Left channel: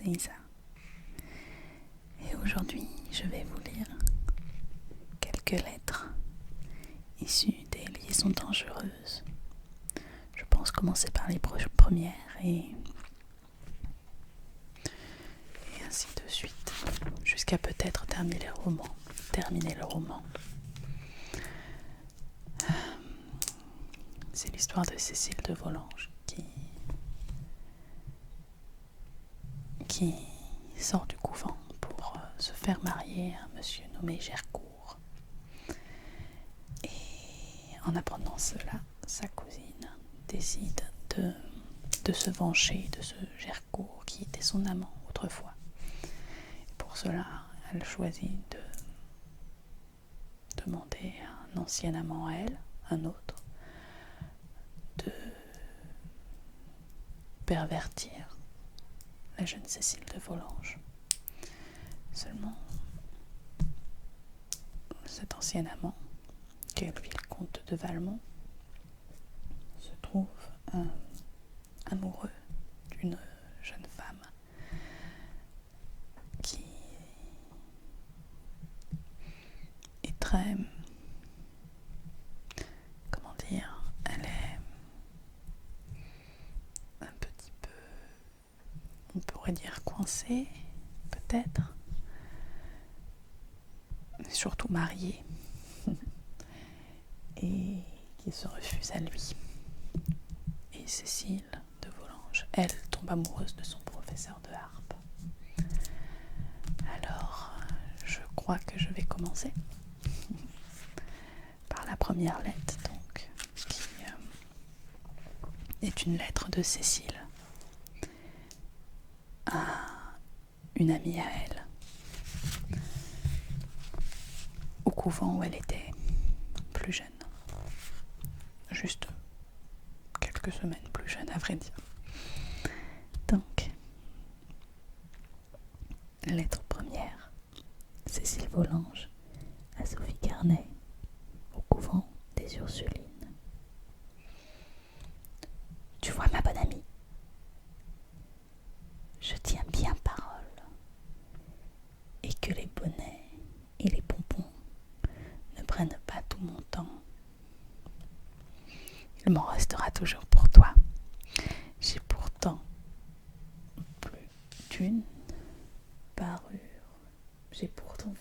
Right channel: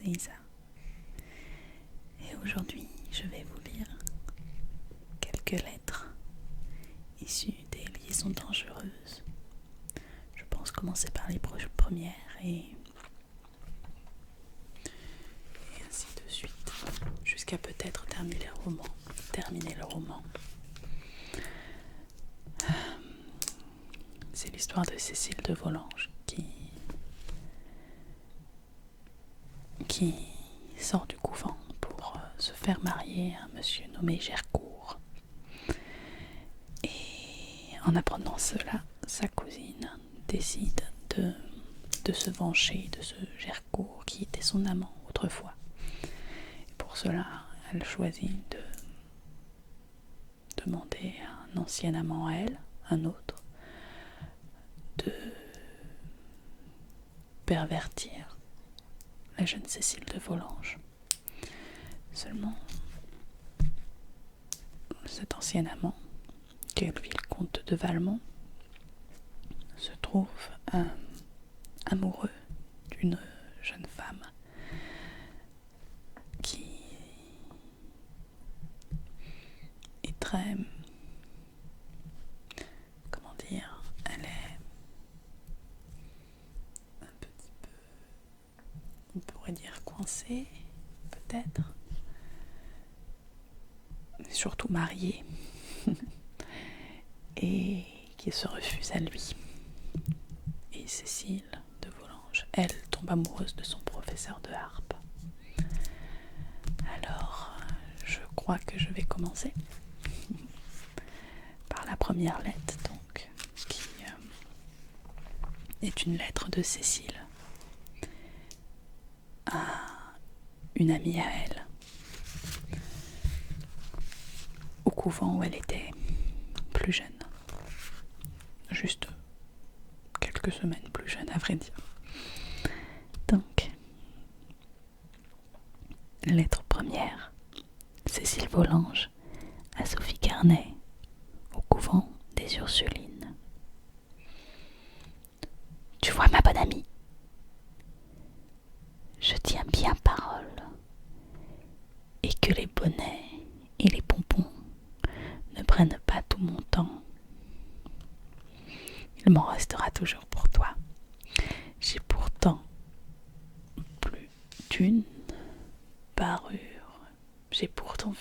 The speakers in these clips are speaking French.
c'est Isa. Et aujourd'hui, je vais vous lire quelques lettres issues des liaisons dangereuses. Je pense commencer par les premières et ainsi de suite, jusqu'à peut-être terminer le roman. C'est l'histoire de Cécile de Volanges qui sort du couvent pour se faire marier à un monsieur nommé Gercourt. Et en apprenant cela, sa cousine décide de se venger de ce Gercourt qui était son amant autrefois. Et pour cela, elle choisit de demander à un ancien amant à elle, un autre, de pervertir la jeune Cécile de Volanges. Seulement, cet ancien amant, qui est lui le comte de Valmont, se trouve amoureux d'une jeune femme qui est très, elle est un petit peu, on pourrait dire coincée, peut-être, mais surtout mariée, et qui se refuse à lui. Et Cécile de Volanges, elle, tombe amoureuse de son professeur de harpe. Alors, je crois que je vais commencer par la première lettre, donc, qui est une lettre de Cécile à une amie à elle, au couvent où elle était plus jeune, juste quelques semaines plus jeune à vrai dire. Donc, lettre première, Cécile Volanges à Sophie Carnet, au couvent des Ursulines. Tu vois, ma bonne amie, je tiens bien parole, et que les bonnets et les pompons ne prennent pas tout mon temps. Il m'en restera toujours pour toi. J'ai pourtant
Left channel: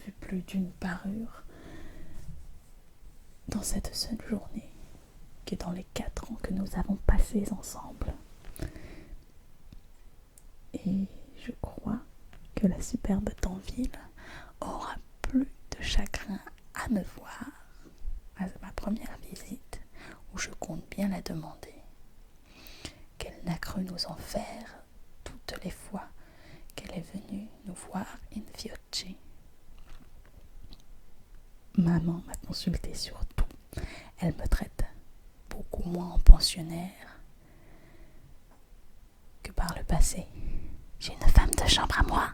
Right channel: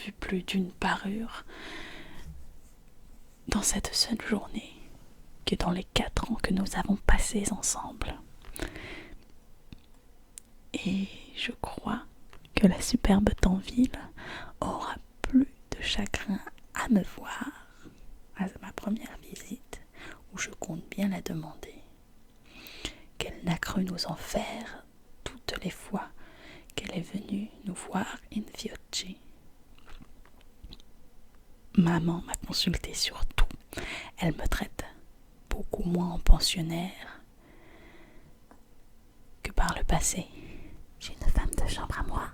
vu plus d'une parure dans cette seule journée que dans les 4 ans que nous avons passés ensemble. Et je crois que la superbe Tanville aura plus de chagrin à me voir à ma première visite, où je compte bien la demander, qu'elle n'a cru nous en faire toutes les fois qu'elle est venue nous voir in viocce. Maman m'a consultée sur tout. Elle me traite beaucoup moins en pensionnaire que par le passé. J'ai une femme de chambre à moi.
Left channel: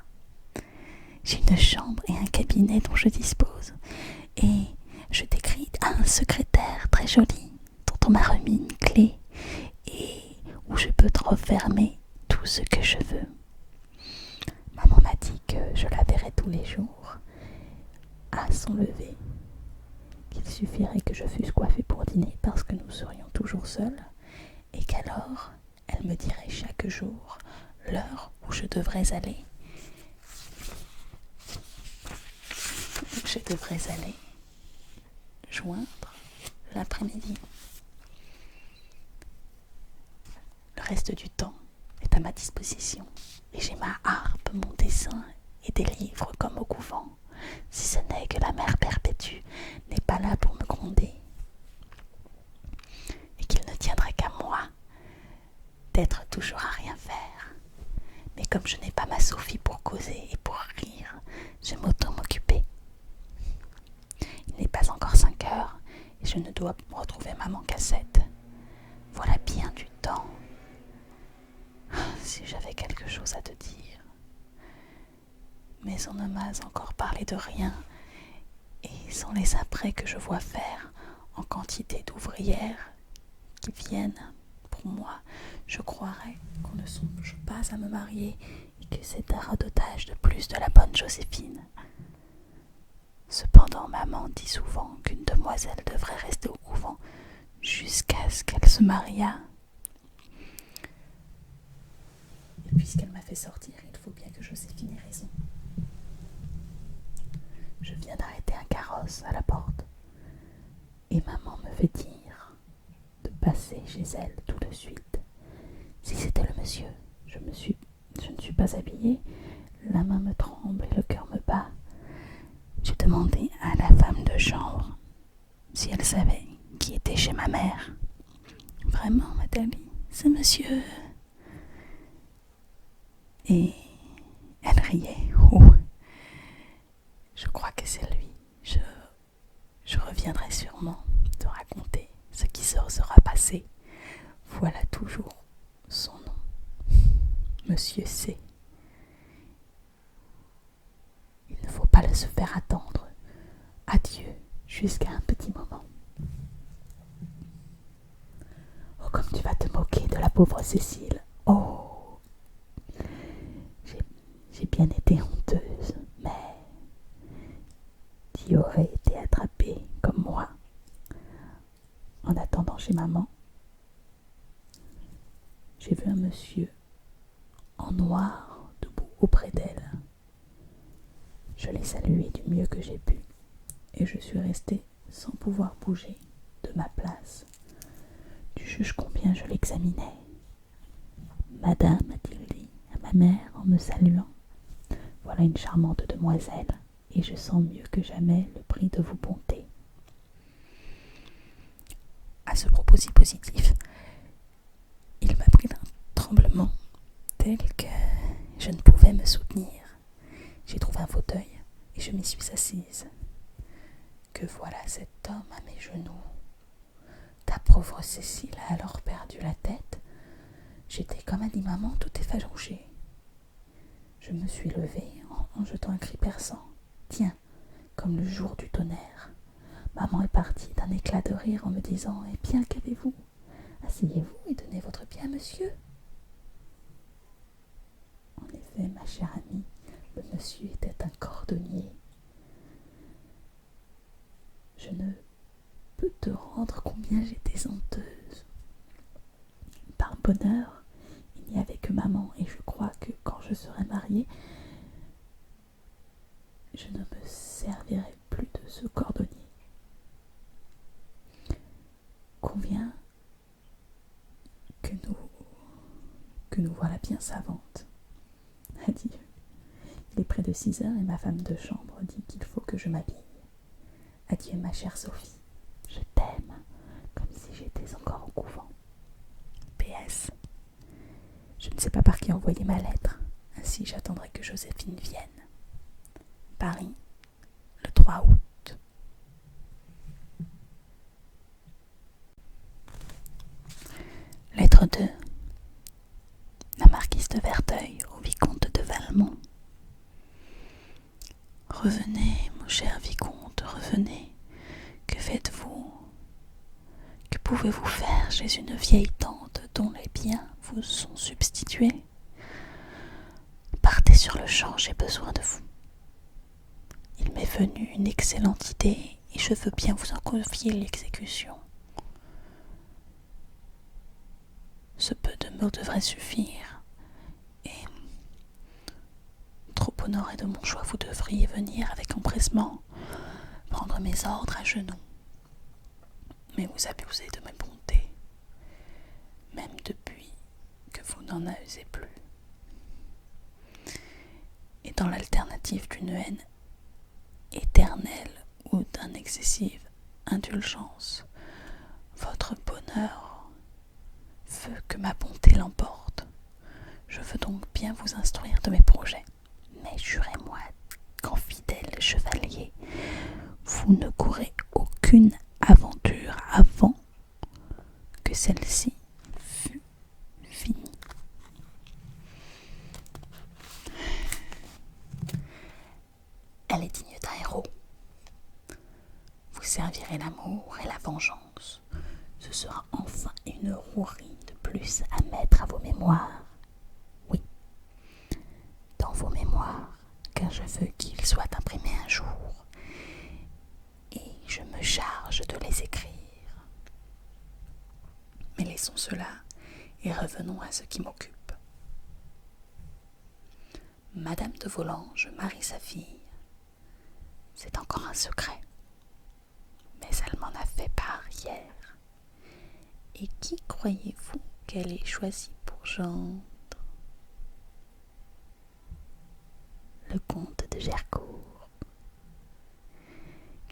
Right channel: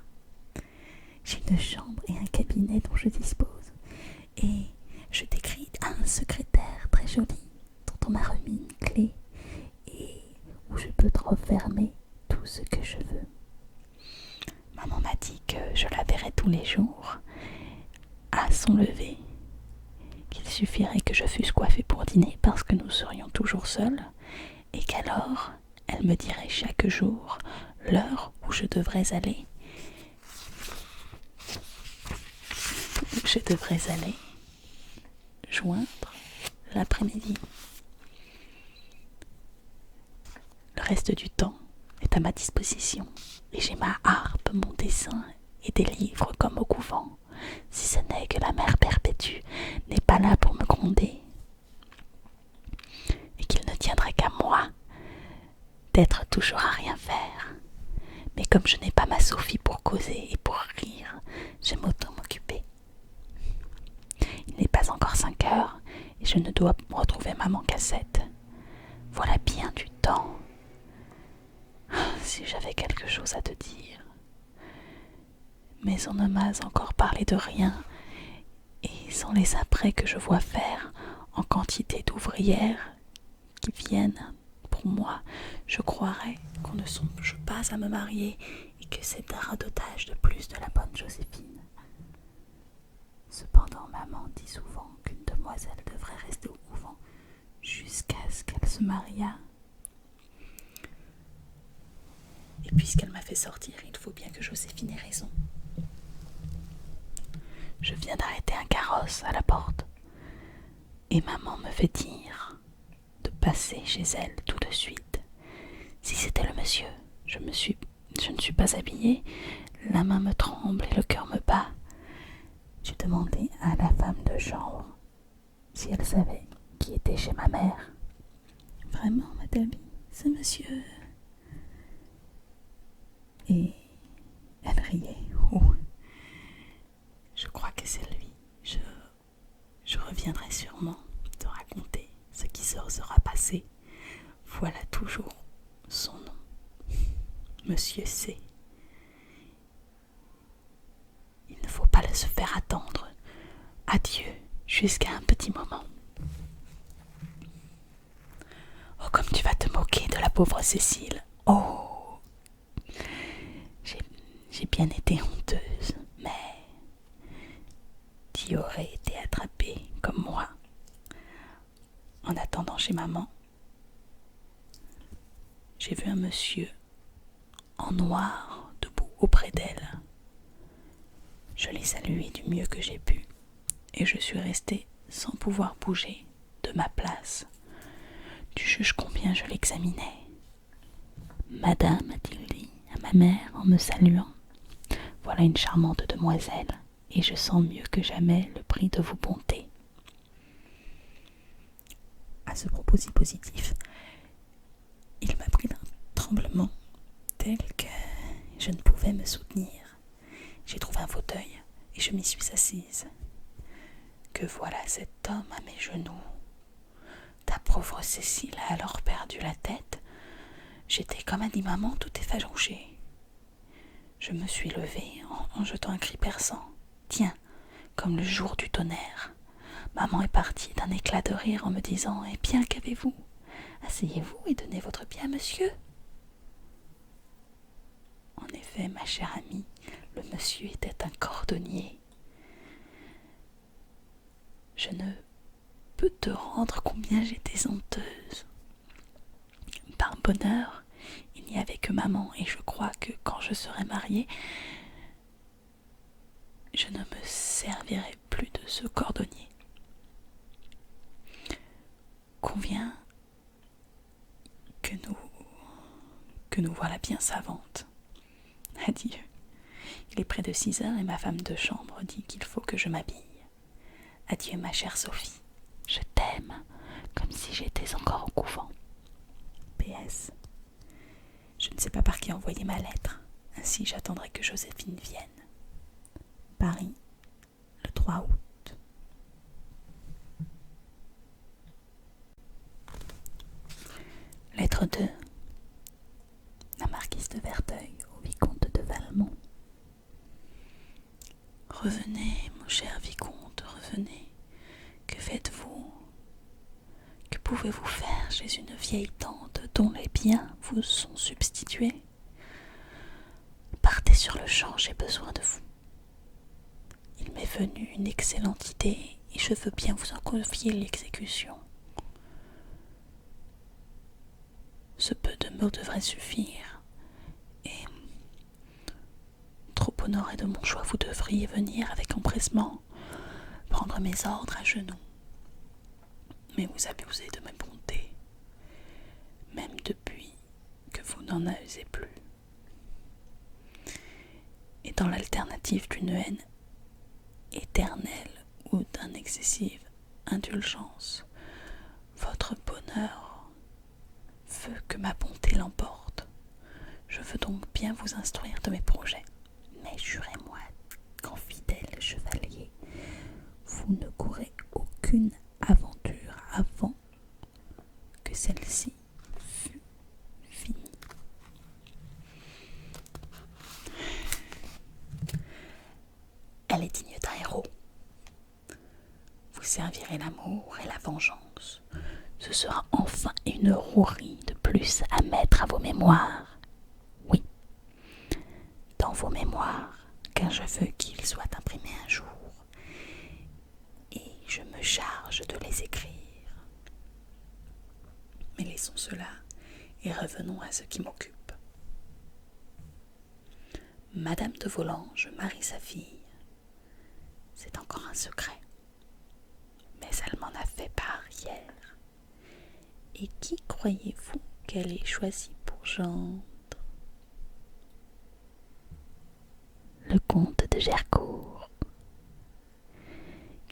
J'ai une chambre et un cabinet dont je dispose. Et je décris à un secrétaire très joli dont on m'a remis une clé et où je peux refermer tout ce que je veux. Maman m'a dit que je la verrais tous les jours à son lever, qu'il suffirait que je fusse coiffée pour dîner parce que nous serions toujours seuls, et qu'alors elle me dirait chaque jour l'heure où je devrais aller joindre l'après-midi. Le reste du temps est à ma disposition, et j'ai ma harpe, mon dessin et des livres comme au couvent, si ce n'est que la mère perpétue n'est pas là pour me gronder, et qu'il ne tiendrait qu'à moi d'être toujours à rien faire. Mais comme je n'ai pas ma Sophie pour causer et pour rire, j'aime autant m'occuper. Il n'est pas encore 5 heures, et je ne dois retrouver maman qu'à 7. Voilà bien du temps. Si j'avais quelque chose à te dire. Mais on ne m'a encore parlé de rien, et sans les apprêts que je vois faire en quantité d'ouvrières qui viennent pour pour moi, je croirais qu'on ne songe pas à me marier et que c'est un radotage de plus de la bonne Joséphine. Cependant, maman dit souvent qu'une demoiselle devrait rester au couvent jusqu'à ce qu'elle se mariât. Et puisqu'elle m'a fait sortir, il faut bien que Joséphine ait raison. Je viens d'arrêter un carrosse à la porte et maman me fait dire de passer chez elle tout de suite. Si c'était le monsieur, je ne suis pas habillée, la main me tremble et le cœur me bat. J'ai demandé à la femme de chambre si elle savait qui était chez ma mère. Vraiment, madame, c'est monsieur. Et elle riait. Oh, je crois que c'est lui. Je reviendrai sûrement te raconter ce qui se sera passé. Voilà toujours son nom. Monsieur C. Il ne faut pas se faire attendre. Adieu, jusqu'à un petit moment. Oh, comme tu vas te moquer de la pauvre Cécile. Oh, j'ai bien été honteuse, mais tu aurais été attrapée comme moi. En attendant chez maman, j'ai vu un monsieur en noir debout auprès d'elle. Je l'ai salué du mieux que j'ai pu et je suis restée sans pouvoir bouger de ma place. Tu juges combien je l'examinais. Madame, a-t-il à ma mère en me saluant, voilà une charmante demoiselle et je sens mieux que jamais le prix de vos bontés. À ce propos si positif, il m'a pris d'un tremblement tel que je ne pouvais me soutenir. J'ai trouvé un fauteuil et je m'y suis assise. Que voilà cet homme à mes genoux. Ta pauvre Cécile a alors perdu la tête. J'étais, comme a dit maman, tout effarouchée. Je me suis levée en jetant un cri perçant. Tiens, comme le jour du tonnerre. Maman est partie d'un éclat de rire en me disant « Eh bien, qu'avez-vous ? Asseyez-vous et donnez votre bien, monsieur. » En effet, ma chère amie, le monsieur était un cordonnier. Je ne peux te rendre combien j'étais honteuse. Par bonheur, il n'y avait que maman et je crois que quand je serai mariée, je ne me servirai plus de ce cordonnier. Conviens que nous voilà bien savantes. Adieu. Il est près de 6 heures et ma femme de chambre dit qu'il faut que je m'habille. Adieu ma chère Sophie, je t'aime comme si j'étais encore au couvent. PS. Je ne sais pas par qui envoyer ma lettre, ainsi j'attendrai que Joséphine vienne. Paris, le 3 août. Lettre 2. La marquise de Verteuil au vicomte de Valmont. Revenez, mon cher vicomte, revenez. Que faites-vous ? Que pouvez-vous faire chez une vieille tante dont les biens vous sont substitués ? Partez sur le champ, j'ai besoin de vous. Il m'est venu une excellente idée et je veux bien vous en confier l'exécution. Ce peu de mots devrait suffire et, trop honoré de mon choix, vous devriez venir avec empressement prendre mes ordres à genoux. Mais vous abusez de mes bontés, même depuis que vous n'en usez plus. Et dans l'alternative d'une haine éternelle ou d'une excessive indulgence, votre bonheur veut que ma bonté l'emporte. Je veux donc bien vous instruire de mes projets. Mais jurez-moi qu'en fidèle chevalier, vous ne courrez aucune aventure avant que celle-ci fût finie. Elle est digne d'un héros. Vous servirez l'amour et la vengeance. Ce sera enfin une rouerie de plus plus à mettre à vos mémoires. Oui, dans vos mémoires, car je veux qu'ils soient imprimés un jour, et je me charge de les écrire. Mais laissons cela et revenons à ce qui m'occupe. Madame de Volanges marie sa fille. C'est encore un secret, mais elle m'en a fait part hier. Et qui croyez-vous qu'elle ait choisi pour gendre? Le comte de Gercourt.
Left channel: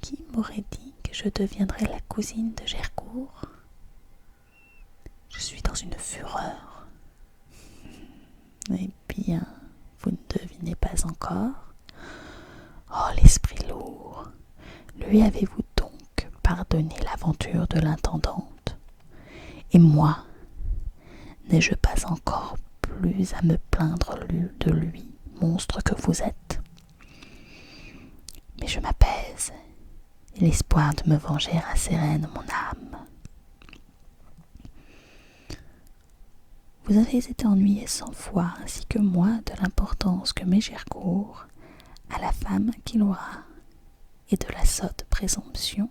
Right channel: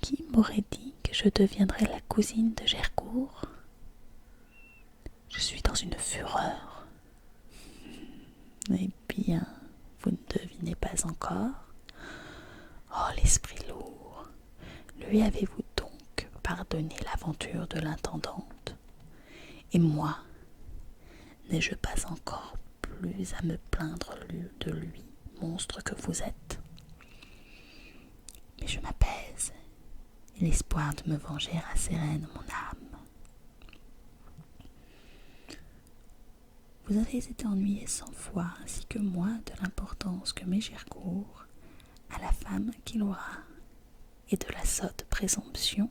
Qui m'aurait dit que je deviendrais la cousine de Gercourt? Je suis dans une fureur. Eh bien, vous ne devinez pas encore? Oh, l'esprit lourd! Lui avez-vous donc pardonné l'aventure de l'intendante? Et moi, n'ai-je pas encore plus à me plaindre de lui, monstre que vous êtes? Mais je m'apaise, et l'espoir de me venger rassérène mon âme. Vous avez été ennuyé 100 fois, ainsi que moi, de l'importance que met Gercourt à la femme qu'il aura, et de la sotte présomption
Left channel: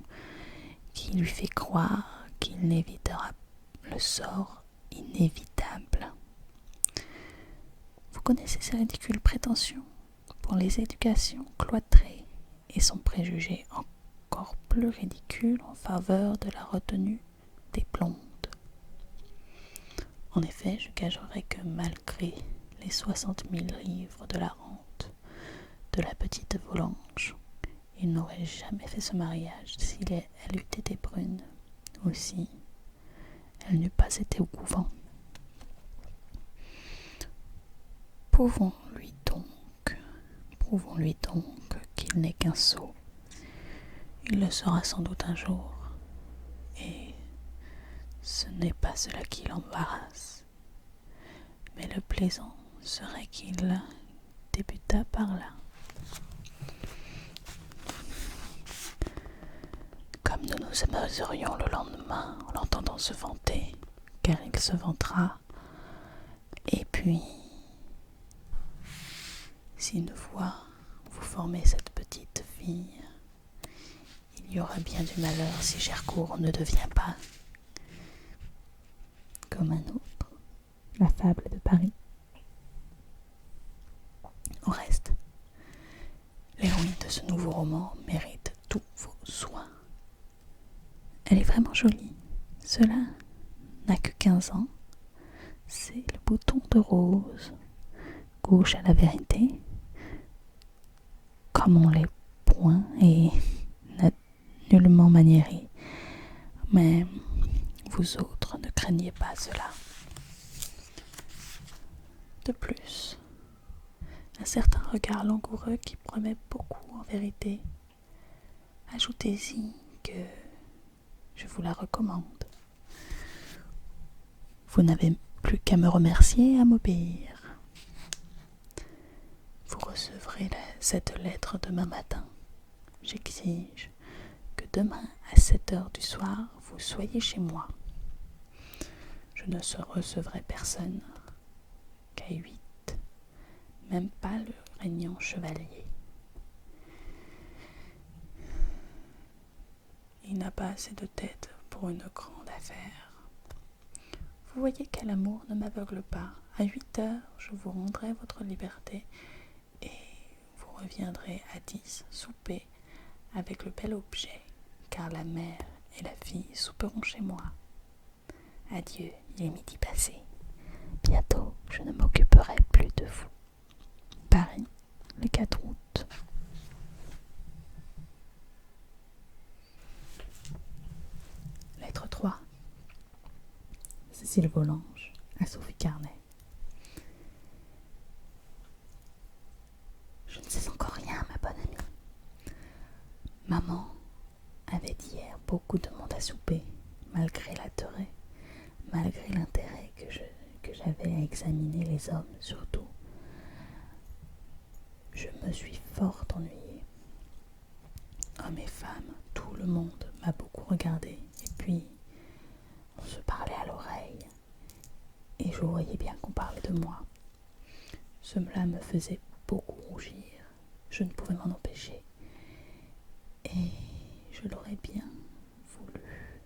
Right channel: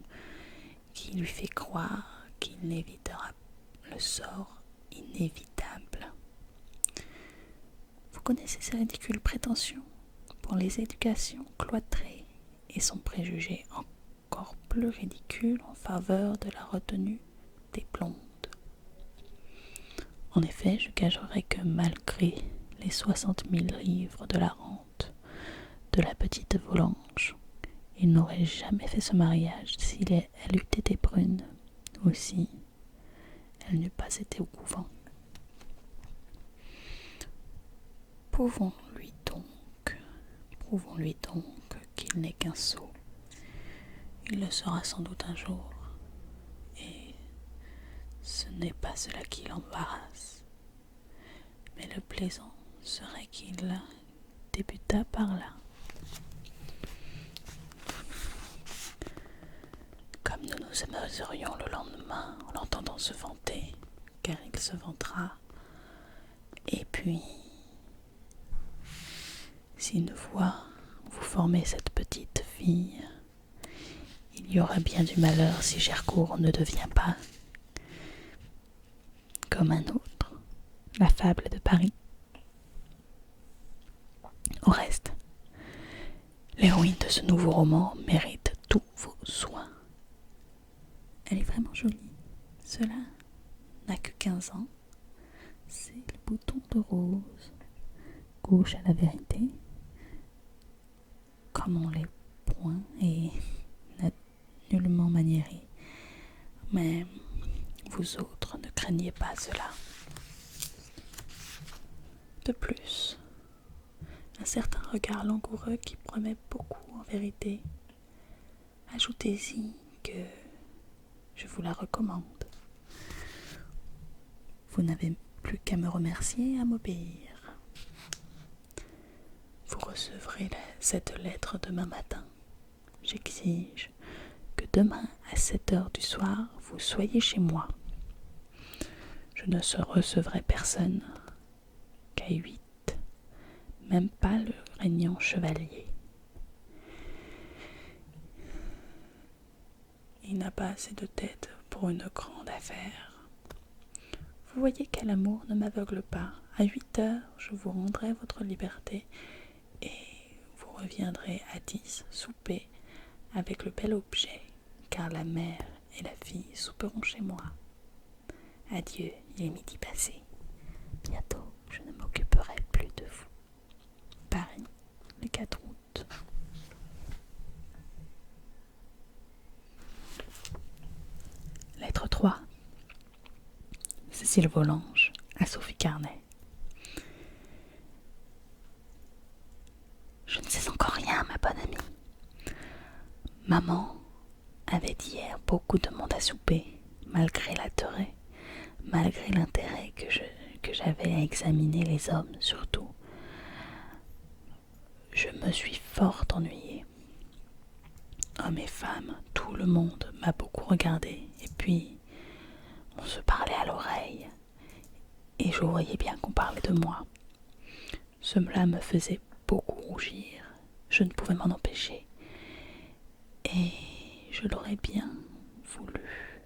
qui lui fait croire qu'il n'évitera le sort inévitable. Vous connaissez ses ridicules prétentions pour les éducations cloîtrées et son préjugé encore plus ridicule en faveur de la retenue des blondes. En effet, je gagerais que malgré les 60 000 livres de la rente de la petite Volanges, il n'aurait jamais fait ce mariage si elle eût été brune, ou si elle n'eût pas été au couvent. Prouvons-lui donc qu'il n'est qu'un sot. Il le sera sans doute un jour, et ce n'est pas cela qui l'embarrasse. Mais le plaisant serait qu'il débutât par là. Comme nous nous amuserions le lendemain en l'entendant se vanter, car il se vantera. Et puis, si une fois vous formez cette petite fille, il y aura bien du malheur si Gercourt ne devient pas comme un autre, la fable de Paris. Au reste, l'héroïne de ce nouveau roman mérite tous vos soins. Elle est vraiment jolie. Cela n'a que 15 ans. C'est le bouton de rose, gauche à la vérité, comme on l'est point et nullement maniéré. Mais vous autres ne craignez pas cela. De plus, un certain regard langoureux qui promet beaucoup en vérité. Ajoutez-y que je vous la recommande. Vous n'avez plus qu'à me remercier et à m'obéir. Vous recevrez cette lettre demain matin. J'exige que demain à 7h du soir, vous soyez chez moi. Je ne recevrai personne qu'à 8, même pas le régnant chevalier. Il n'a pas assez de tête pour une grande affaire. Vous voyez quel amour ne m'aveugle pas. À 8h, je vous rendrai votre liberté et vous reviendrez à 10 souper avec le bel objet, car la mère et la fille souperont chez moi. Adieu, il est midi passé. Bientôt, je ne m'occuperai plus de vous. Paris, le 4 août. Lettre 3. Cécile Volanges à Sophie Carnet. Je ne sais encore rien, ma bonne amie. Maman avait hier beaucoup de monde à souper, malgré l'intérêt que j'avais à examiner les hommes surtout. Je me suis fort ennuyée. Hommes et femmes, tout le monde m'a beaucoup regardé, et puis on se parlait à l'oreille, je voyais bien qu'on parlait de moi. Cela me faisait beaucoup rougir. Je ne pouvais m'en empêcher. Et je l'aurais bien voulu.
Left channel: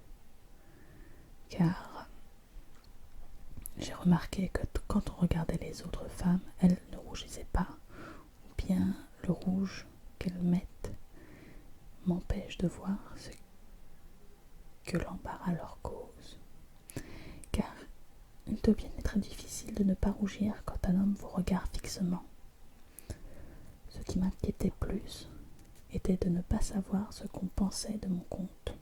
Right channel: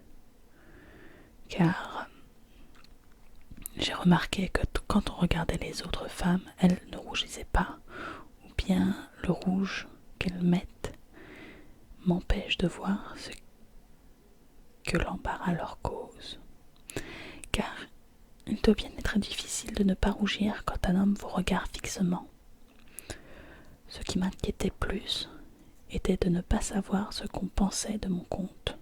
Car j'ai remarqué que quand on regardait les autres femmes, elles ne rougissaient pas. Ou bien le rouge qu'elles mettent m'empêche de voir ce que l'embarras leur cause. Car il doit bien être difficile de ne pas rougir quand un homme vous regarde fixement. Ce qui m'inquiétait plus était de ne pas savoir ce qu'on pensait de mon conte.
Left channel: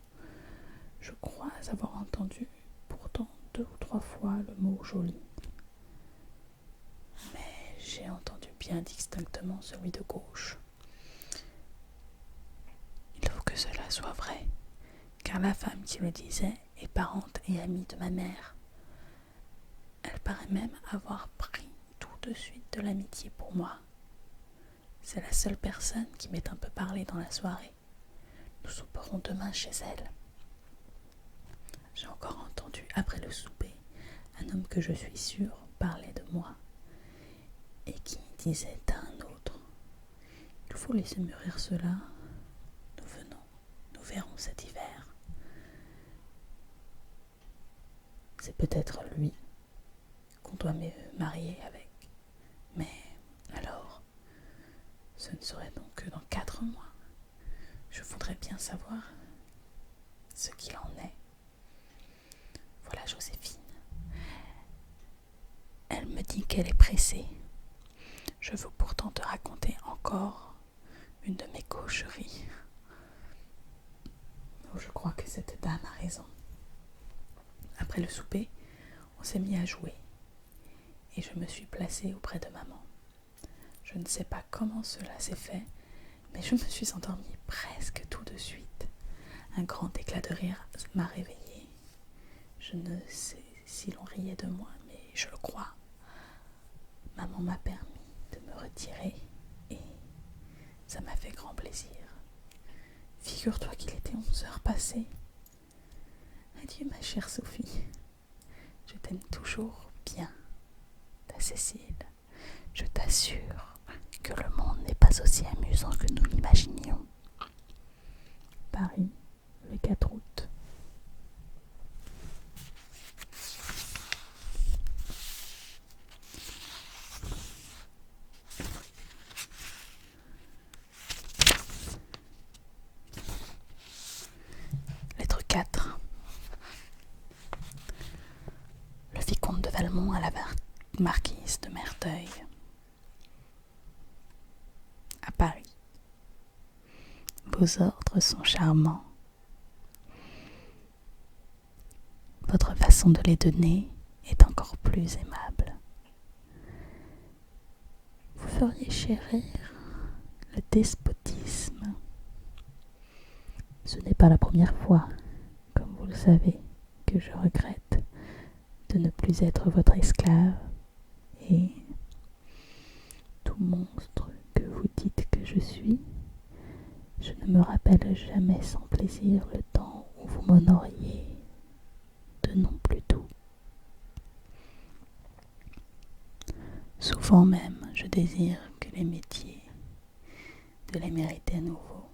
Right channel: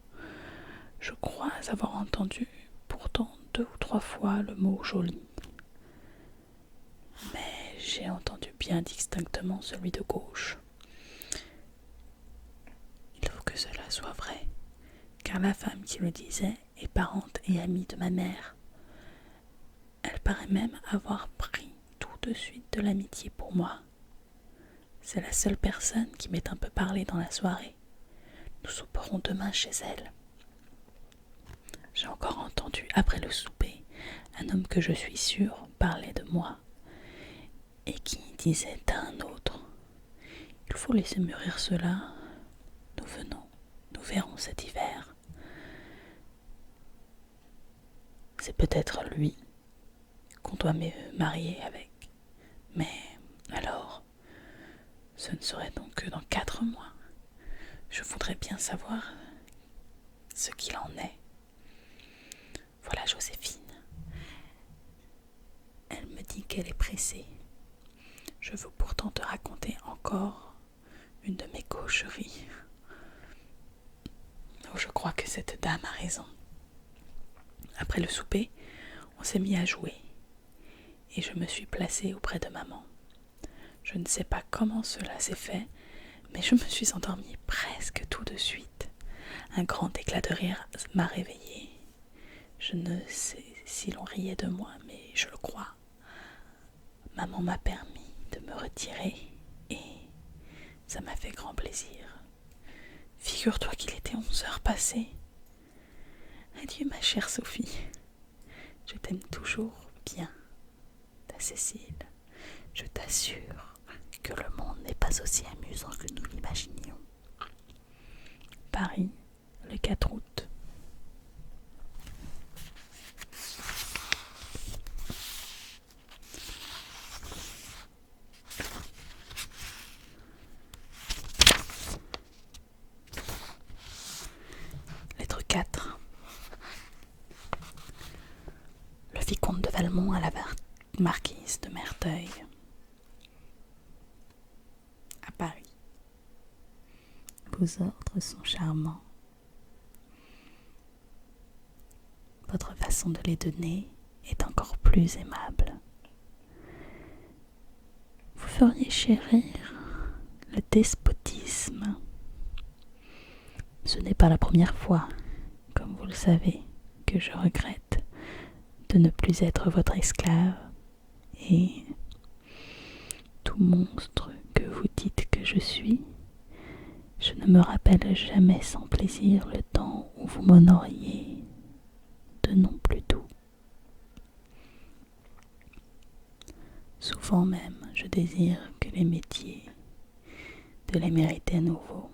Je crois avoir entendu pourtant 2 ou 3 fois le mot joli. Mais j'ai entendu bien distinctement celui de gauche. Il faut que cela soit vrai, car la femme qui le disait est parente et amie de ma mère. Elle paraît même avoir pris tout de suite de l'amitié pour moi. C'est la seule personne qui m'ait un peu parlé dans la soirée. Nous souperons demain chez elle. J'ai encore entendu, après le souper, un homme que je suis sûre parlait de moi, et qui disait à un autre: « Il faut laisser mûrir cela. Nous verrons cet hiver. » C'est peut-être lui qu'on doit me marier avec. Mais alors, ce ne serait donc que dans 4 mois. Je voudrais bien savoir ce qu'il en est. Voilà Joséphine. Elle me dit qu'elle est pressée. Je veux pourtant te raconter encore une de mes gaucheries. Oh, je crois que cette dame a raison. Après le souper, on s'est mis à jouer et je me suis placée auprès de maman. Je ne sais pas comment cela s'est fait, mais je me suis endormie presque tout de suite. Un grand éclat de rire m'a réveillée. Je ne sais si l'on riait de moi, mais je le crois. Maman m'a permis de me retirer et ça m'a fait grand plaisir. Figure-toi qu'il était 11 heures passées. Adieu ma chère Sophie. Je t'aime toujours bien. Ta Cécile, je t'assure que le monde n'est pas aussi amusant que nous l'imaginions. Paris, le 4 août. Lettre 4. Le vicomte de Valmont à la marquise de Merteuil. À Paris. Vos ordres sont charmants. Votre façon de les donner est encore plus aimable. Vous feriez chérir le despotisme. Ce n'est pas la première fois, comme vous le savez, que je regrette de ne plus être votre esclave, et tout monstre que vous dites que je suis, je ne me rappelle jamais sans plaisir le temps où vous m'honoriez de noms plus doux. Souvent même, je désire que les métiers de les mériter à nouveau,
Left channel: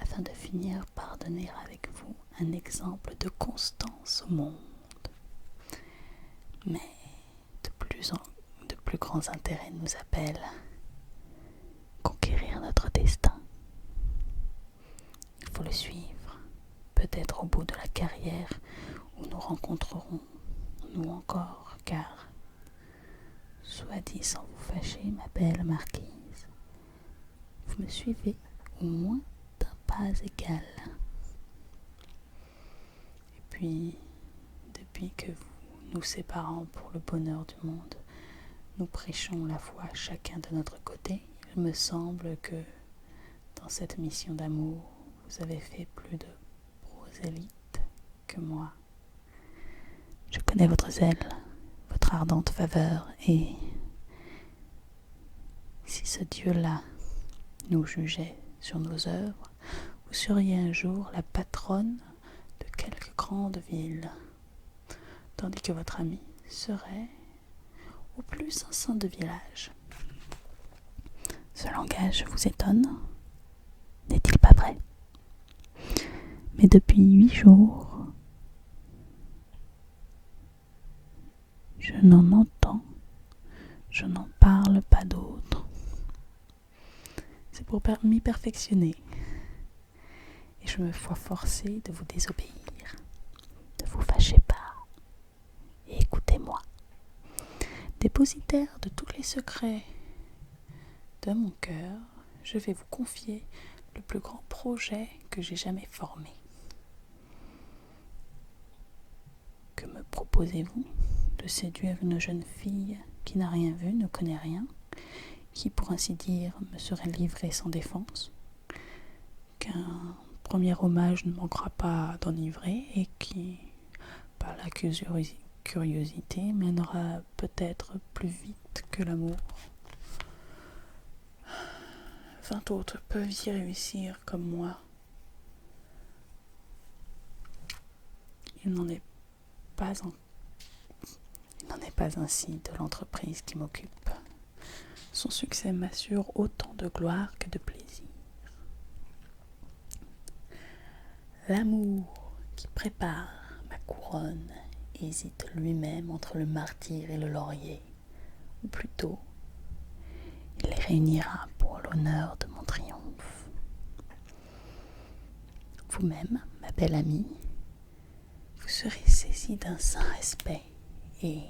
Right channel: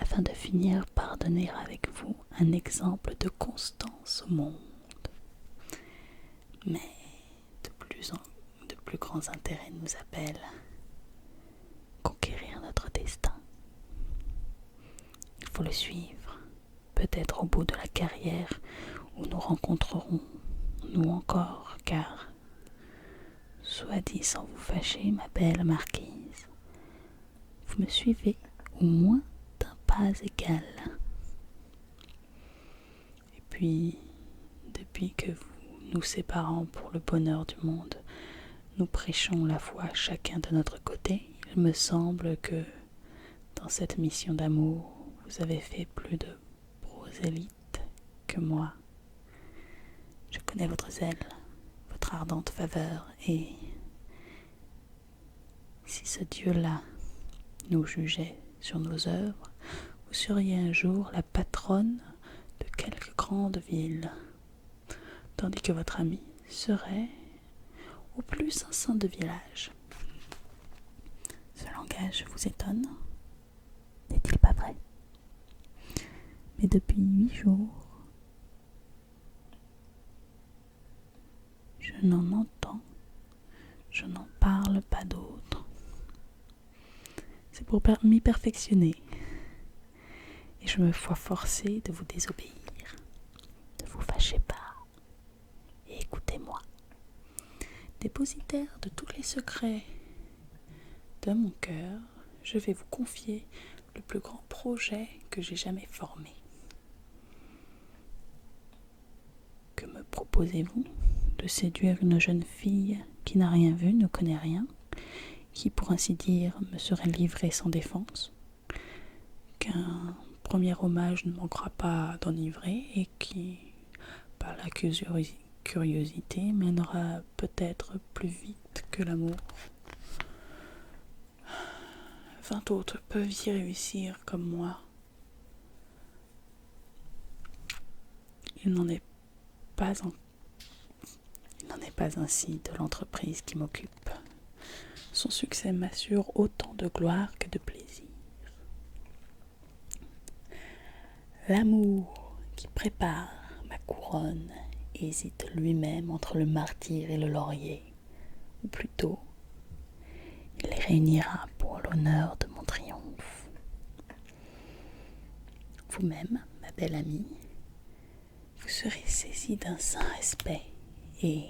afin de finir par donner avec vous un exemple de constance au monde. Mais de plus grands intérêts nous appellent. Conquérir notre destin. Il faut le suivre, peut-être au bout de la carrière où nous rencontrerons, nous encore, car, soit dit sans vous fâcher, ma belle marquise, vous me suivez au moins d'un pas égal. Et puis, depuis que nous séparons pour le bonheur du monde, nous prêchons la foi chacun de notre côté. Il me semble que dans cette mission d'amour, vous avez fait plus de prosélytes que moi. Je connais votre zèle, votre ardente faveur, et si ce Dieu-là nous jugeait sur nos œuvres, vous seriez un jour la patronne de quelque grande ville. tandis que votre ami serait au plus un saint de village. Ce langage vous étonne? N'est-il pas vrai? Mais depuis 8 jours, je n'en entends, je n'en parle pas d'autre. C'est pour m'y perfectionner. Et je me vois forcée de vous désobéir. Ne vous fâchez pas. Et écoutez-moi. Dépositaire de tous les secrets de mon cœur, je vais vous confier le plus grand projet que j'ai jamais formé. Que me proposez-vous? De séduire une jeune fille qui n'a rien vu, ne connaît rien, qui, pour ainsi dire, me serait livrée sans défense, qu'un premier hommage ne manquera pas d'enivrer et qui, par la curiosité, mènera peut-être plus vite que l'amour. 20 autres peuvent y réussir comme moi. Il n'en est pas ainsi de l'entreprise qui m'occupe. Son succès m'assure autant de gloire que de plaisir. L'amour qui prépare ma couronne hésite lui-même entre le martyre et le laurier, ou plutôt, il les réunira pour l'honneur de mon triomphe. Vous-même, ma belle amie, vous serez saisie d'un saint respect et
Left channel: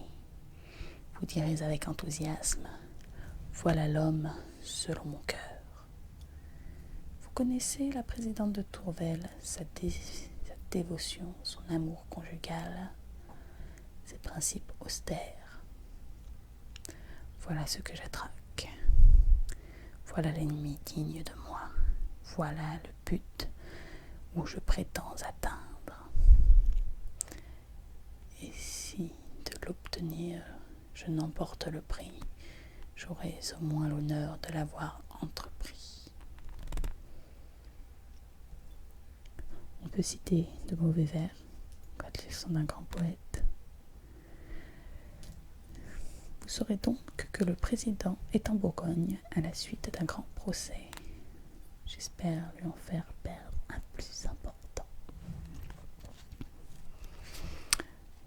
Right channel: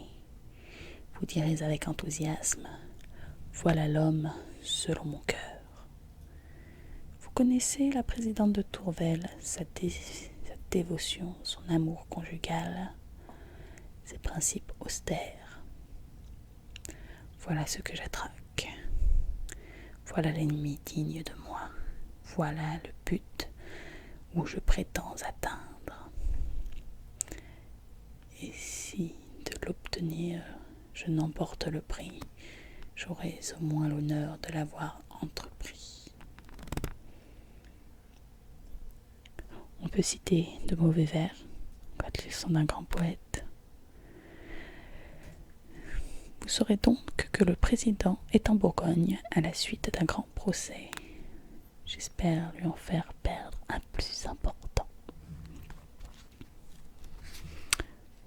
vous direz avec enthousiasme: voilà l'homme selon mon cœur. Vous connaissez la présidente de Tourvel, sa dévotion, son amour conjugal, ses principes austères. Voilà ce que j'attraque. Voilà l'ennemi digne de moi. Voilà le but où je prétends atteindre. Et si de l'obtenir je n'emporte le prix, j'aurai au moins l'honneur de l'avoir entrepris. On peut citer de mauvais vers quand ils sont d'un grand poète. Vous saurez donc que le président est en Bourgogne à la suite d'un grand procès. J'espère lui en faire perdre un plus important.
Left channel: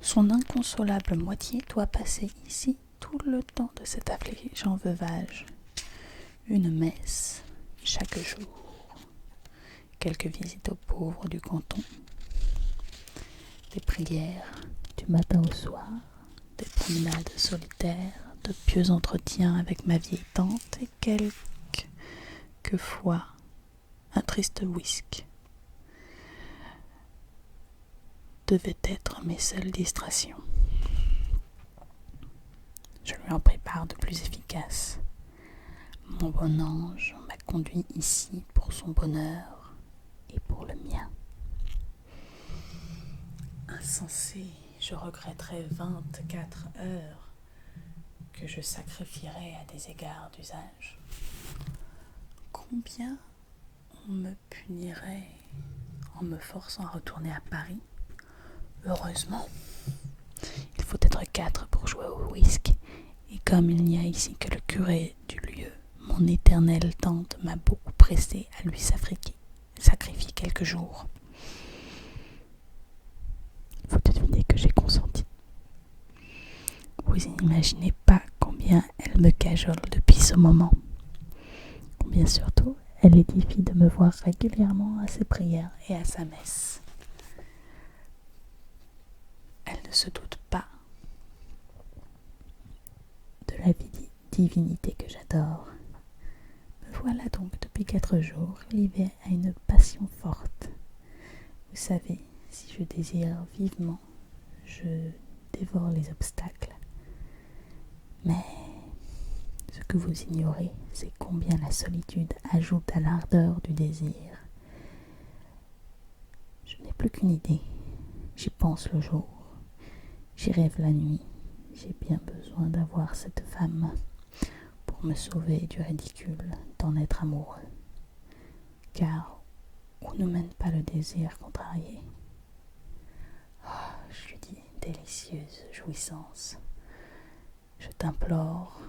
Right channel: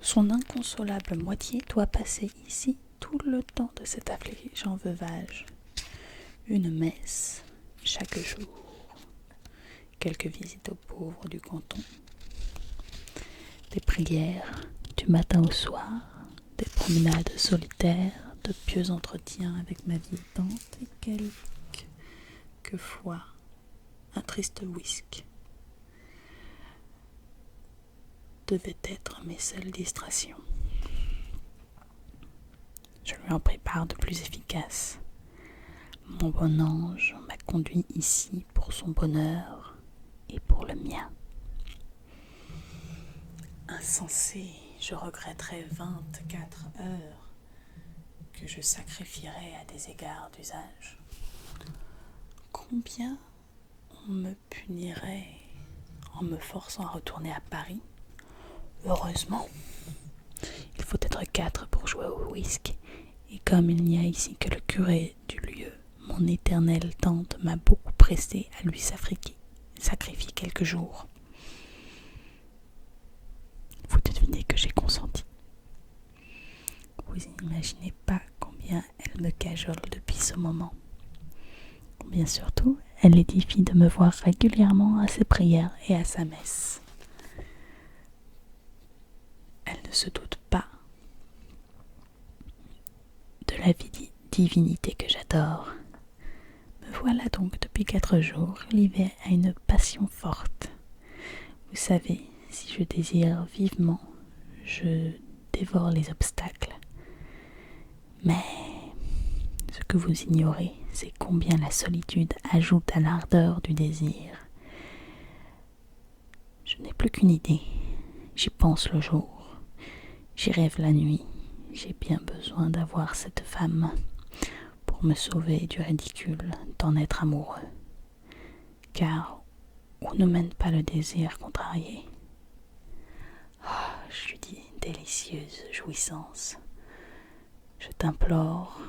Son inconsolable moitié doit passer ici tout le temps de cet affligeant veuvage. Une messe chaque jour, quelques visites aux pauvres du canton, des prières du matin au soir, des promenades solitaires, de pieux entretiens avec ma vieille tante et quelquefois un triste whisky devait être mes seules distractions. Je lui en prépare de plus efficaces. Mon bon ange m'a conduit ici pour son bonheur et pour le mien. Insensé, je regretterai 24 heures que je sacrifierai à des égards d'usage. Combien on me punirait en me forçant à retourner à Paris? Heureusement, il faut être 4 pour jouer au whisky, et comme il n'y a ici que le curé du lieu, mon éternelle tante m'a beaucoup pressé à lui sacrifier quelques jours. Vous devinez que j'ai consenti. Vous n'imaginez pas combien elle me cajole depuis ce moment. Combien surtout elle édifie de me voir régulièrement à ses prières et à sa messe. Elle ne se doute pas de la divinité que j'adore. Me voilà donc depuis 4 jours livrée à une passion forte. Vous savez, si je désire vivement, je dévore les obstacles. Mais ce que vous ignorez, c'est combien la solitude ajoute à l'ardeur du désir. Je n'ai plus qu'une idée. J'y pense le jour. J'y rêve la nuit. J'ai bien besoin d'avoir cette femme pour me sauver du ridicule d'en être amoureux. Car où ne mène pas le désir contrarié? Je lui dis délicieuse jouissance. Je t'implore,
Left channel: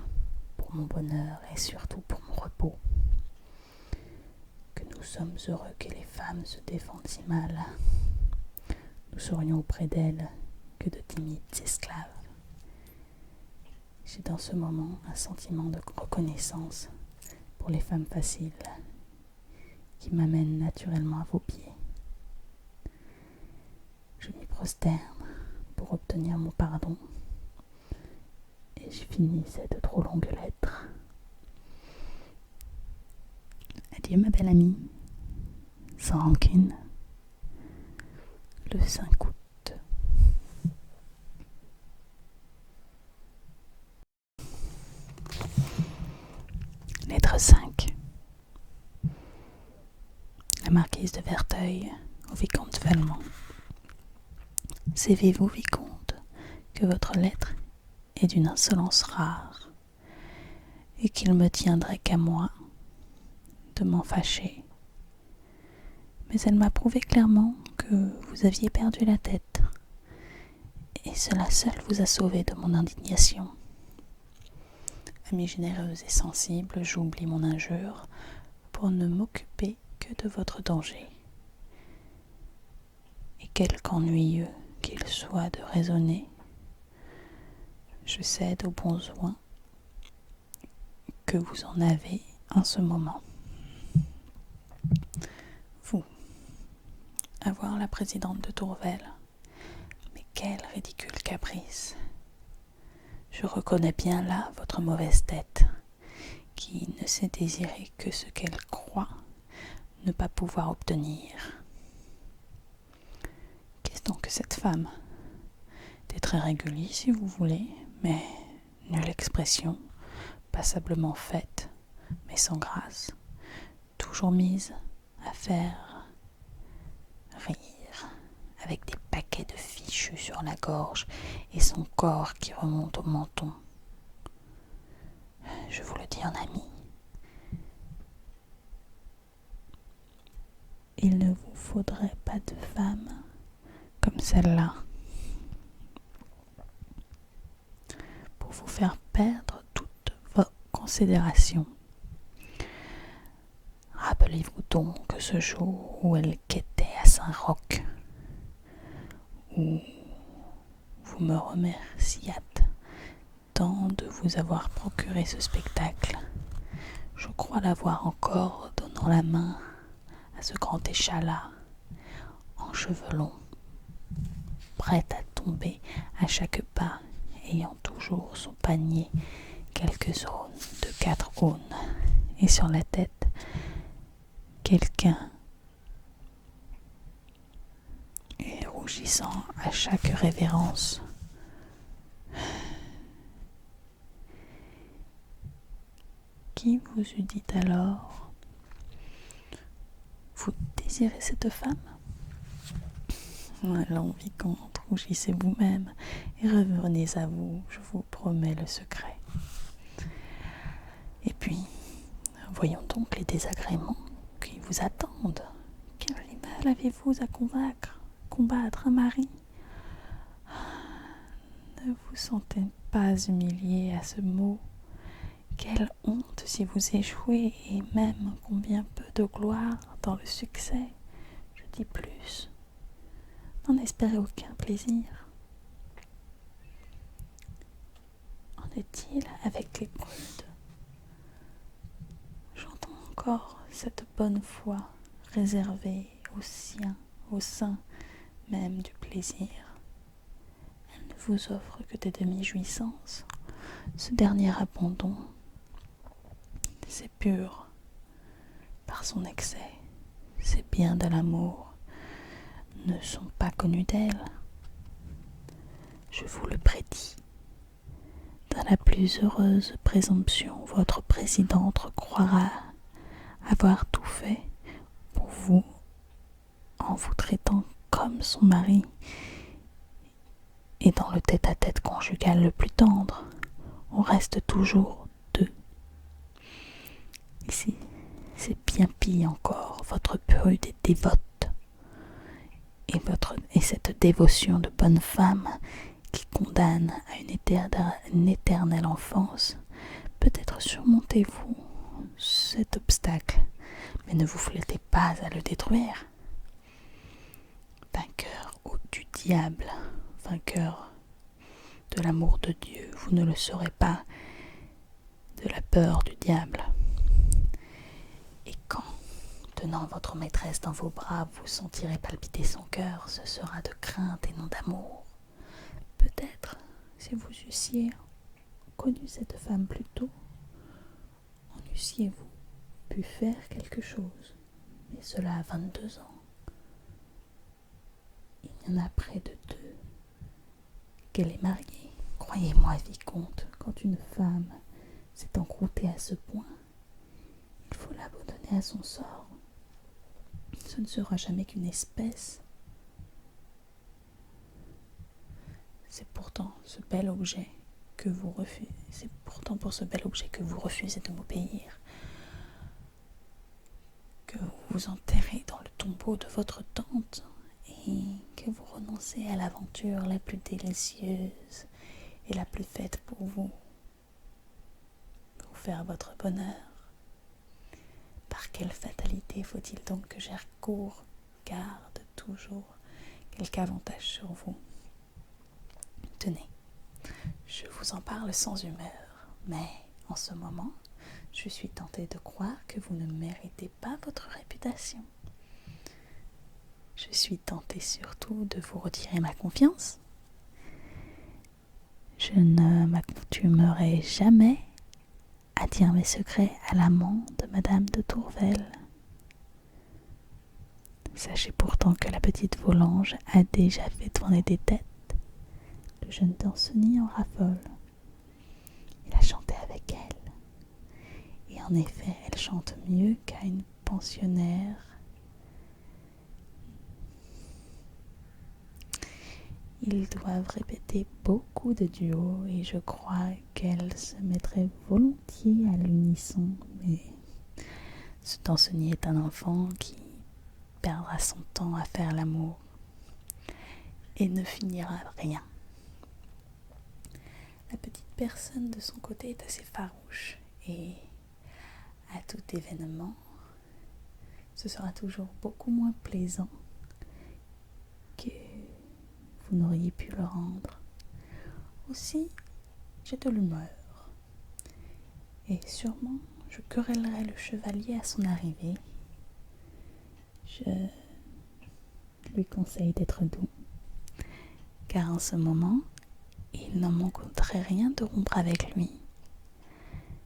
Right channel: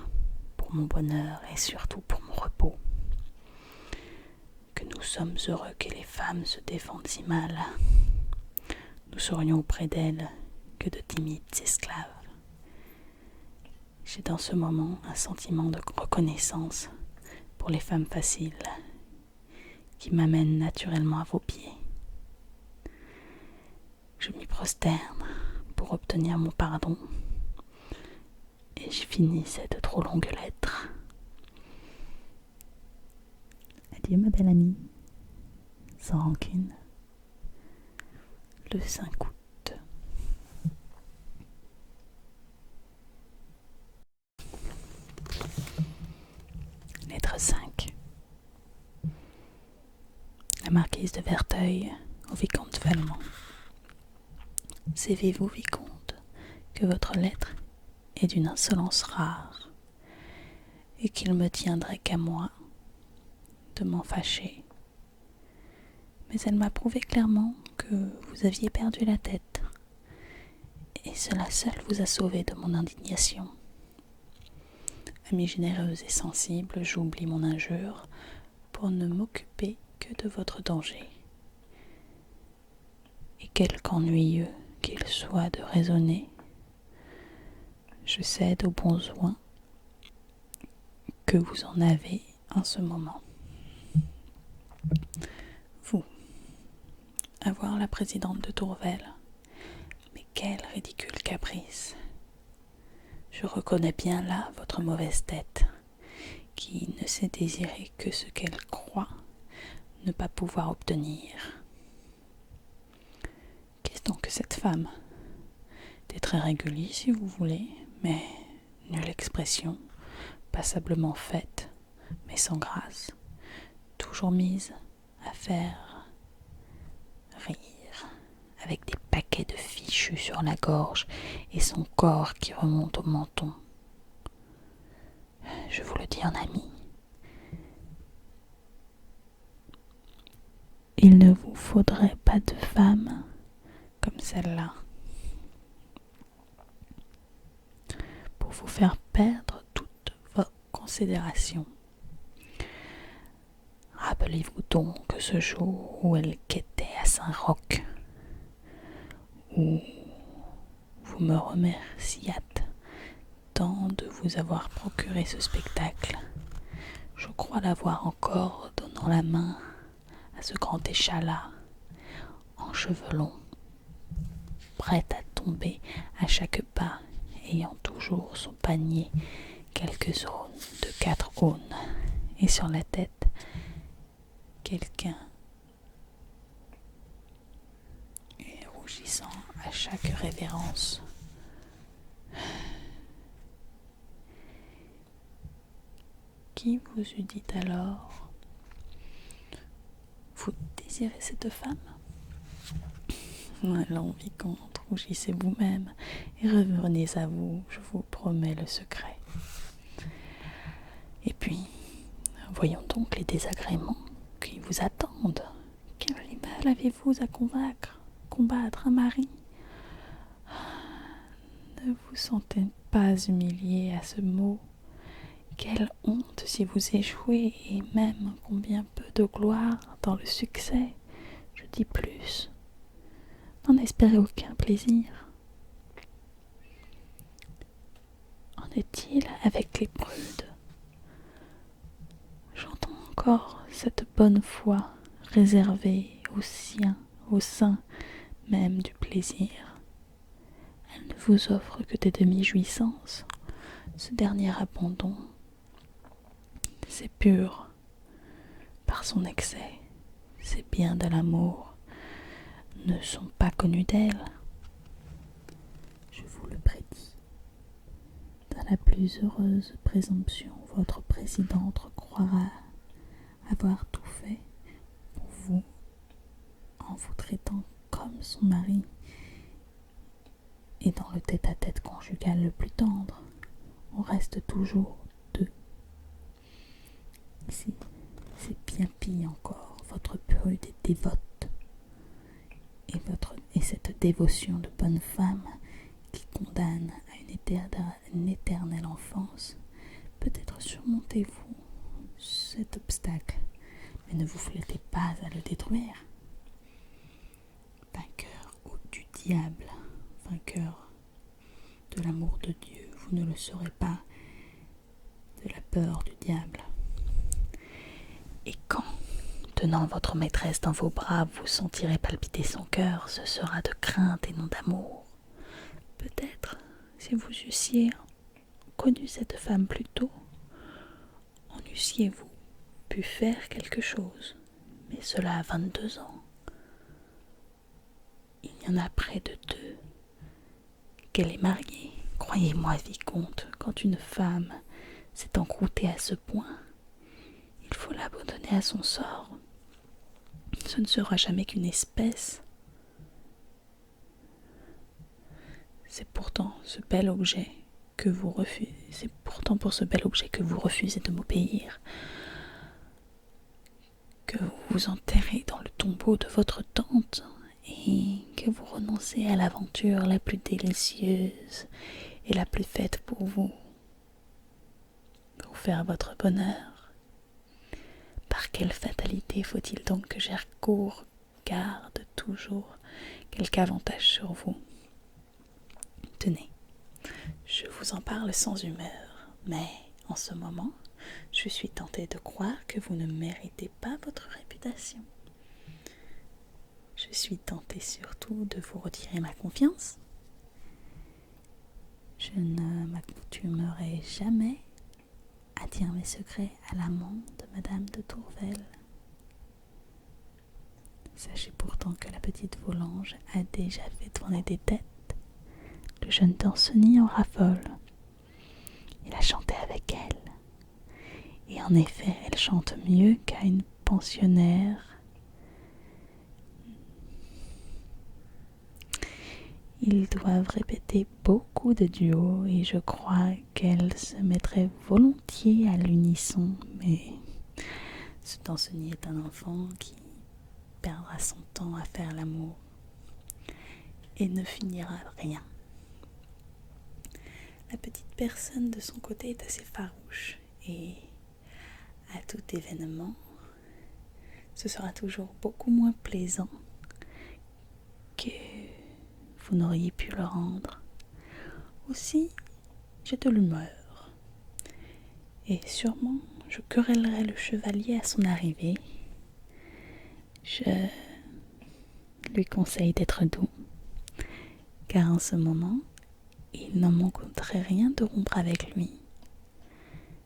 pour mon bonheur et surtout pour mon repos, que nous sommes heureux que les femmes se défendent si mal. Nous serions auprès d'elles que de timides esclaves. J'ai dans ce moment un sentiment de reconnaissance pour les femmes faciles qui m'amènent naturellement à vos pieds. Je m'y prosterne pour obtenir mon pardon et je finis cette trop longue lettre. Adieu ma belle amie, sans rancune, le 5 août. Lettre 5. La marquise de Verteuil au vicomte Valmont. Savez-vous, vicomte, que votre lettre est d'une insolence rare, et qu'il me tiendrait qu'à moi de m'en fâcher. Mais elle m'a prouvé clairement que vous aviez perdu la tête, et cela seul vous a sauvé de mon indignation. Amie généreuse et sensible, j'oublie mon injure pour ne m'occuper que de votre danger. Et quelque ennuyeux qu'il soit de raisonner, je cède aux bons soins que vous en avez en ce moment. Vous, avoir la présidente de Tourvel, mais quel ridicule caprice! Je reconnais bien là votre mauvaise tête, qui ne sait désirer que ce qu'elle croit ne pas pouvoir obtenir. Qu'est-ce donc que cette femme? Des traits réguliers si vous voulez, mais nulle expression, passablement faite, mais sans grâce, toujours mise à faire rire, avec des paquets de fichus sur la gorge et son corps qui remonte au menton. Je vous le dis en ami, il ne vous faudrait pas de femme comme celle-là pour vous faire perdre toute vos considérations. Rappelez-vous donc ce jour où elle quêtait à Saint-Roch, où vous me remerciâtes tant de vous avoir procuré ce spectacle. Je crois l'avoir encore donnant la main à ce grand échalas en cheveux longs, prête à tomber à chaque pas, ayant toujours son panier quelques aunes de 4 aunes, et sur la tête quelqu'un, et rougissant à chaque révérence. Qui vous eût dit alors: vous désirez cette femme? Allons, vicomte, rougissez vous-même et revenez à vous, je vous promets le secret. Et puis, voyons donc les désagréments qui vous attendent. Quel rival avez-vous à combattre un mari? Ne vous sentez pas humilié à ce mot? Quelle honte si vous échouez, et même combien peu de gloire dans le succès. Je dis plus, n'en espérez aucun plaisir. En est-il avec les prudes? J'entends encore cette bonne foi réservée aux siens, au sein même du plaisir. Elle ne vous offre que des demi-jouissances. Ce dernier abandon, c'est pur par son excès. Ces biens de l'amour ne sont pas connus d'elle. Je vous le prédis. Dans la plus heureuse présomption, votre présidente croira avoir tout fait pour vous en vous traitant comme son mari, et dans le tête-à-tête conjugal le plus tendre, on reste toujours deux. Ici, c'est bien pire encore, votre prude est dévote, et cette dévotion de bonne femme qui condamne à une éternelle enfance, peut-être surmontez-vous cet obstacle, mais ne vous flattez pas à le détruire. Vainqueur du diable, vainqueur de l'amour de Dieu, vous ne le serez pas de la peur du diable. Et quand, tenant votre maîtresse dans vos bras, vous sentirez palpiter son cœur, ce sera de crainte et non d'amour. Peut-être, si vous eussiez connu cette femme plus tôt, en eussiez-vous pu faire quelque chose. Mais cela a 22 ans. Il y en a près de 2 qu'elle est mariée. Croyez-moi, vicomte, quand une femme s'est encroûtée à ce point, il faut l'abandonner à son sort. Ce ne sera jamais qu'une espèce. C'est pourtant pour ce bel objet que vous refusez de m'obéir, que vous vous enterrez dans le tombeau de votre tante et que vous renoncez à l'aventure la plus délicieuse et la plus faite pour vous faire votre bonheur. Par quelle fatalité faut-il donc que Gercourt garde toujours quelque avantage sur vous? Tenez, je vous en parle sans humeur, mais en ce moment, je suis tentée de croire que vous ne méritez pas votre réputation. Je suis tentée surtout de vous retirer ma confiance. Je ne m'accoutumerai jamais à dire mes secrets à l'amant de Madame de Tourvel. Sachez pourtant que la petite Volanges a déjà fait tourner des têtes. Le jeune Danceny en raffole. Il a chanté avec elle. Et en effet, elle chante mieux qu'à une pensionnaire. Ils doivent répéter beaucoup de duos et je crois qu'elle se mettrait volontiers à l'unisson. Mais ce Danceny est un enfant qui perdra son temps à faire l'amour et ne finira rien. La petite personne de son côté est assez farouche et à tout événement, ce sera toujours beaucoup moins plaisant que vous n'auriez pu le rendre. Aussi, j'ai de l'humeur et sûrement je querellerai le chevalier à son arrivée. Je lui conseille d'être doux, car en ce moment, il n'en manquerait rien de rompre avec lui.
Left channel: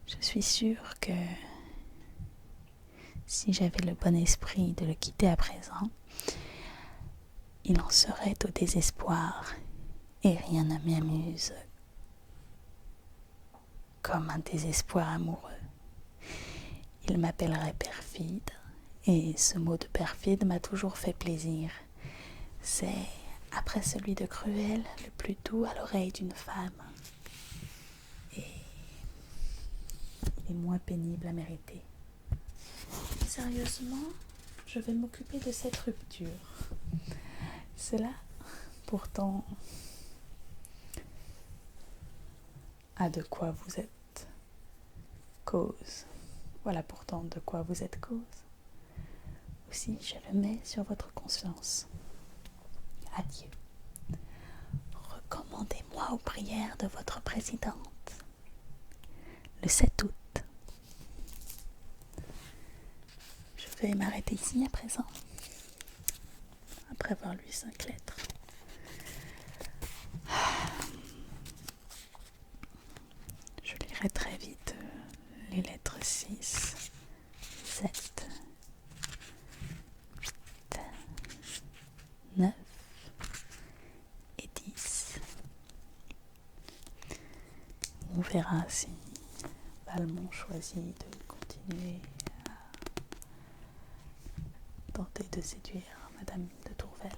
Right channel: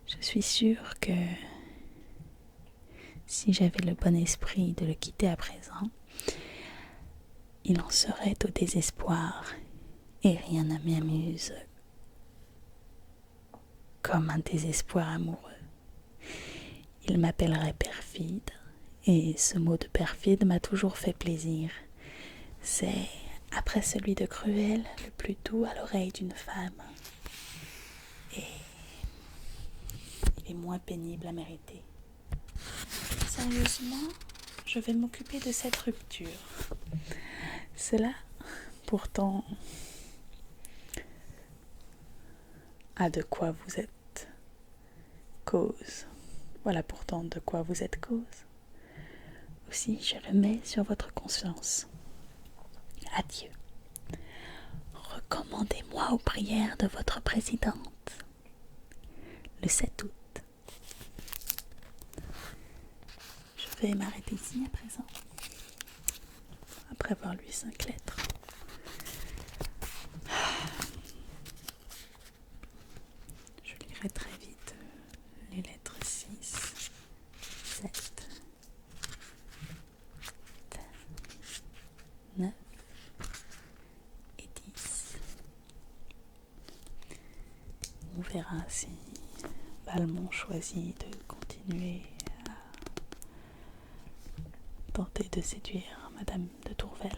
Je suis sûre que si j'avais le bon esprit de le quitter à présent, il en serait au désespoir, et rien ne m'amuse comme un désespoir amoureux. Il m'appellerait perfide, et ce mot de perfide m'a toujours fait plaisir. C'est, après celui de cruel, le plus doux à l'oreille d'une femme. Et il est moins pénible à mériter. Sérieusement, je vais m'occuper de cette rupture. Cela, pourtant, a de quoi vous êtes cause. Voilà pourtant de quoi vous êtes cause. Aussi, je le mets sur votre conscience. Adieu. Recommandez-moi aux prières de votre présidente. Le 7 août. Je vais m'arrêter ici à présent, après avoir lu 5 lettres. Je lirai très vite les lettres 6, 7, 8, 9 et 10. On verra si Valmont choisit de continuer à tenter de séduire Madame de Tourvel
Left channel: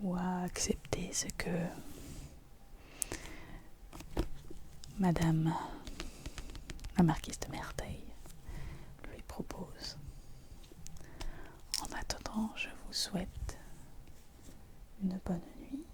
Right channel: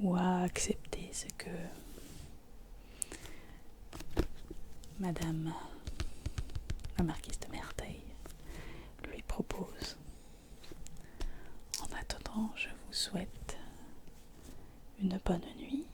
ou à accepter ce que Madame la marquise de Merteuil lui propose. En attendant, attendant, je vous souhaite une bonne nuit